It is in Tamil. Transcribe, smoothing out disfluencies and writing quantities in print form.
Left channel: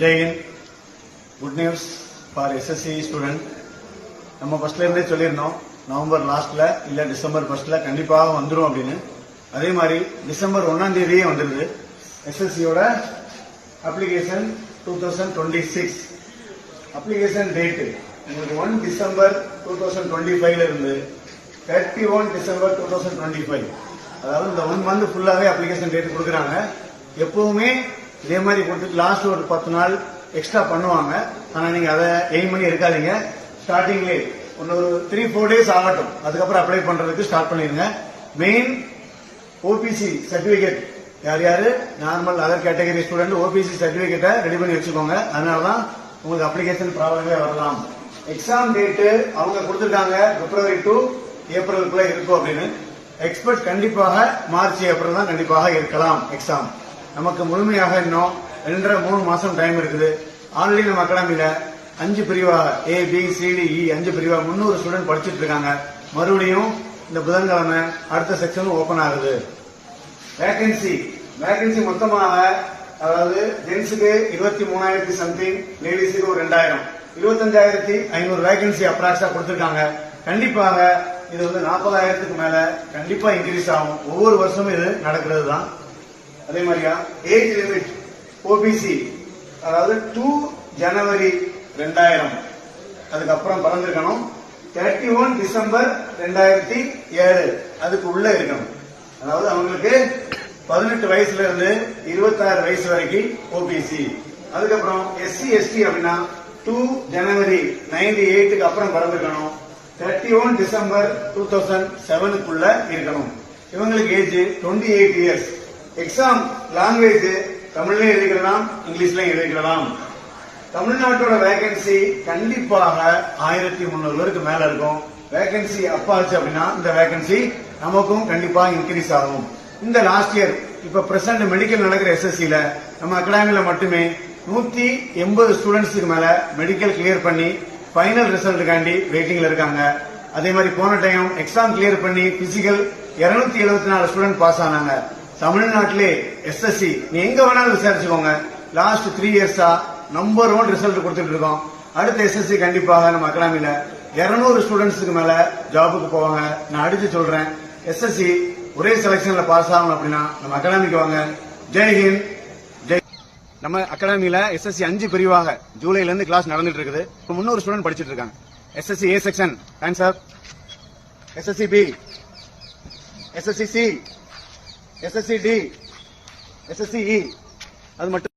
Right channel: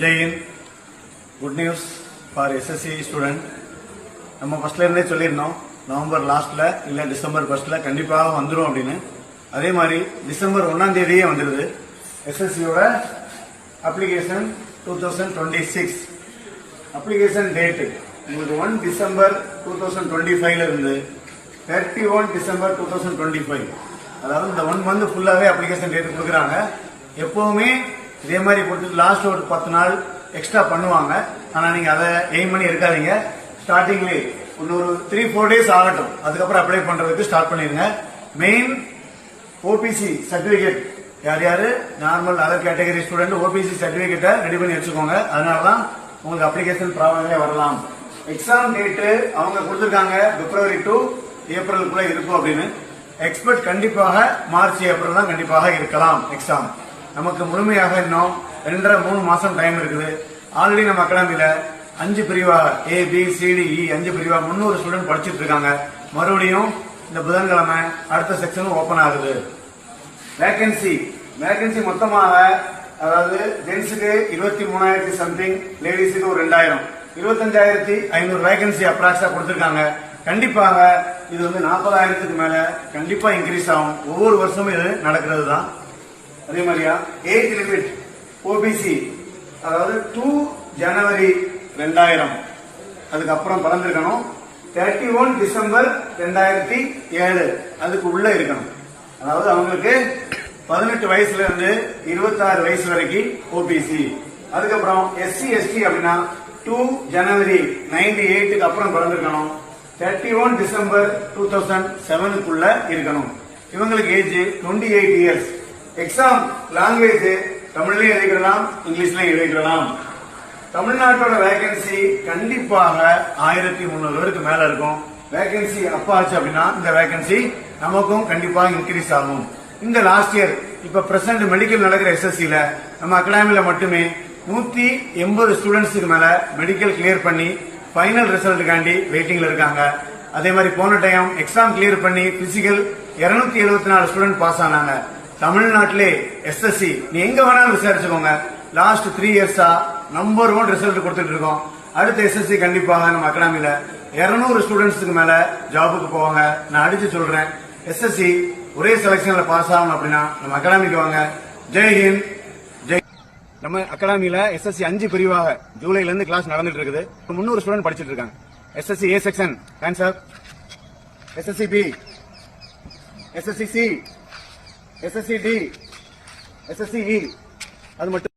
Jai Hind. Good news for SSC student. நம்ம ஃபர்ஸ்ட்ல இருந்தே சொல்லியிருந்தோம், நவம்பர் லாஸ்ட்ல இல்ல டிசம்பர் ஃபர்ஸ்ட்ல கண்டிப்பாக வந்துடும் அப்படின்னு. அதே மாதிரி டிசம்பர் 1ஆம் தேதியே வந்துடுது. எஸ்எஸ்சியோட அப்ளிகேஷன் 2026 அப்ளிகேஷன் டேட்டு உங்களுக்கு 1 டிசம்பர் 2025 இருந்து 31 டிசம்பர் 2025, அதாவது இந்த 1 மந்த் ஃபுல்லாவே அப்ளிகேஷன் டேட் கொடுக்குறாங்க. எப்பவுமே இதே மாதிரி கொடுத்து லாஸ்ட் ஒரு 10 நாள் எக்ஸ்ட்ரா பண்ணுவாங்க. ஆனா நீங்க அதை எய்ம் பண்ணி இருக்காதீங்க. ஸ்டார்டிங்லேயே இன்னொரு 3-4 டேஸ் ஆகட்டும், அதுக்கப்புறம் அப்ளை பண்றதுக்கு ஸ்டார்ட் பண்ணிருங்க. மெயின் ஓபிசி சர்டிபிகேட் யார் யாரு normal other category student OBC சர்டிபிகேட்டை ரெடி பண்ணி வச்சுக்கோங்க. அதனாலதான் உங்களுக்கு அப்ளிகேஷன் ப்ராப்ளமே வரலாம். எக்ஸாம் டேட்டு அவங்க கொடுத்திருக்காங்க பிப்ரவரி டு ஏப்ரலுக்குள்ள இருக்கும் அப்படின்னு. எக்ஸ்பெக்ட் கண்டிப்பாக மார்ச் ஏப்ரல் தான் கண்டிப்பாக இருக்கலாம் எக்ஸாம். நமக்கு முழுமையாக இன்னும் 2.5-3 மாசம் டைம் இருக்குது. ஆல்ரெடி நம்ம அகாடமியில 5 பிரிவாக ABCDE 5 பிரிவா 300 ஸ்டூடெண்ட் படிச்சுட்டு இருக்காங்க. மறுபடியும் இந்த புதன்கிழமை அடுத்த செக்ஷன் ஓபன் ஆகுது. வேகன்சி மொத்தமாக, அதாவது ஜென்ஸுக்கு 23,000 சம்திங், லேடிஸுக்கு ஒரு 2,000, 25,500 வேகன்சி அப்ராக்ஸா கொடுத்திருக்காங்க. கண்டிப்பாக இது வந்து 40,000க்கு மேல கண்டிப்பா இன்க்ரீஸ் ஆகும். ஒவ்வொரு வருஷமும் இது நடக்கிறது தான். அதே மாதிரியா ஏஜ் லிமிட் ஓபிசி, அதாவது 2 ஜனவரி 2000 அதுக்கப்புறம் பிறந்திருக்கணும். 31 டிசம்பர் 2007 அதுக்கு உள்ள இருக்கணும். அதாவது அவங்களுக்கு 18 வயசுல இருந்து 26 வயசு வரைக்கும் ஓபிசி. அதுக்கப்புறம் SC ST அப்படின்னா 2 ஜனவரி 98க்கு அப்புறம் பிறந்திருக்கணும். 31 டிசம்பர் 2007க்குள்ள இருக்கணும். இவங்களுக்கு ஏஜ் 28 இயர்ஸ். எக்ஸாம் லாங்குவேஜ் தமிழ்லயும் எழுதிக்கலாம், இங்கிலீஷ்லயும் எழுதிக்கலாம். தமிழ்நாட்டோட வேகன்சி கண்டிப்பாக 1300 பேருக்கு மேல இருக்கும். வேகன்சி அப்பாச்சு அப்படின்னா இந்த வேகன்சி நமக்கும் கண்டிப்பா இன்க்ரீஸ் ஆகும். இந்த லாஸ்ட் இயர் இப்ப பிரசன்ட் மெடிக்கல் நடக்கிற எஸ்எஸ்சில நம்ம அகாடமியில மட்டுமே 180 ஸ்டூடெண்ட்ஸுக்கு மேல மெடிக்கல் கிளியர் பண்ணி ஃபைனல் ரிசல்ட்டுக்காண்டி வெயிட்டிங்ல இருக்காங்க. அதே மாதிரி போன டைம் எக்ஸாம் கிளியர் பண்ணி பிசிக்கல் 274 ஸ்டூடெண்ட் பாஸ் ஆனாங்க. தமிழ்நாட்டிலே எஸ்எஸ்சி நீ எங்க வேணாலும் விசாரிச்சுக்கோங்க, லாஸ்ட் 3 இயர்ஸா நம்பர் 1 ரிசல்ட் கொடுத்துட்டு இருக்கோம். அடுத்த எஸ்எஸ்சி கண்டிப்பாக நம்ம அகாடமியில 200 ஸ்டூடெண்ட்ஸுக்கு மேல ஜாபுக்கு போவாங்க. நான் அடிச்சு சொல்றேன், எஸ்எஸ்சி ஒரே செலக்ஷன்ல பாஸ் ஆகணும் அப்படின்னா நம்ம அகாடமிக்கு வாங்க. ஜெய் ஹிந்த். நம்ம அகாடமியில எஸ்எஸ்சி 5 பிரிவாக ஜூலைல இருந்து கிளாஸ் நடந்துட்டு இருக்குது. 300 ஸ்டூடெண்ட் படிச்சிட்டு இருக்காங்க. SSC A section answer, SSC B, SSC C, SSC D, SSC E, அது மட்டும்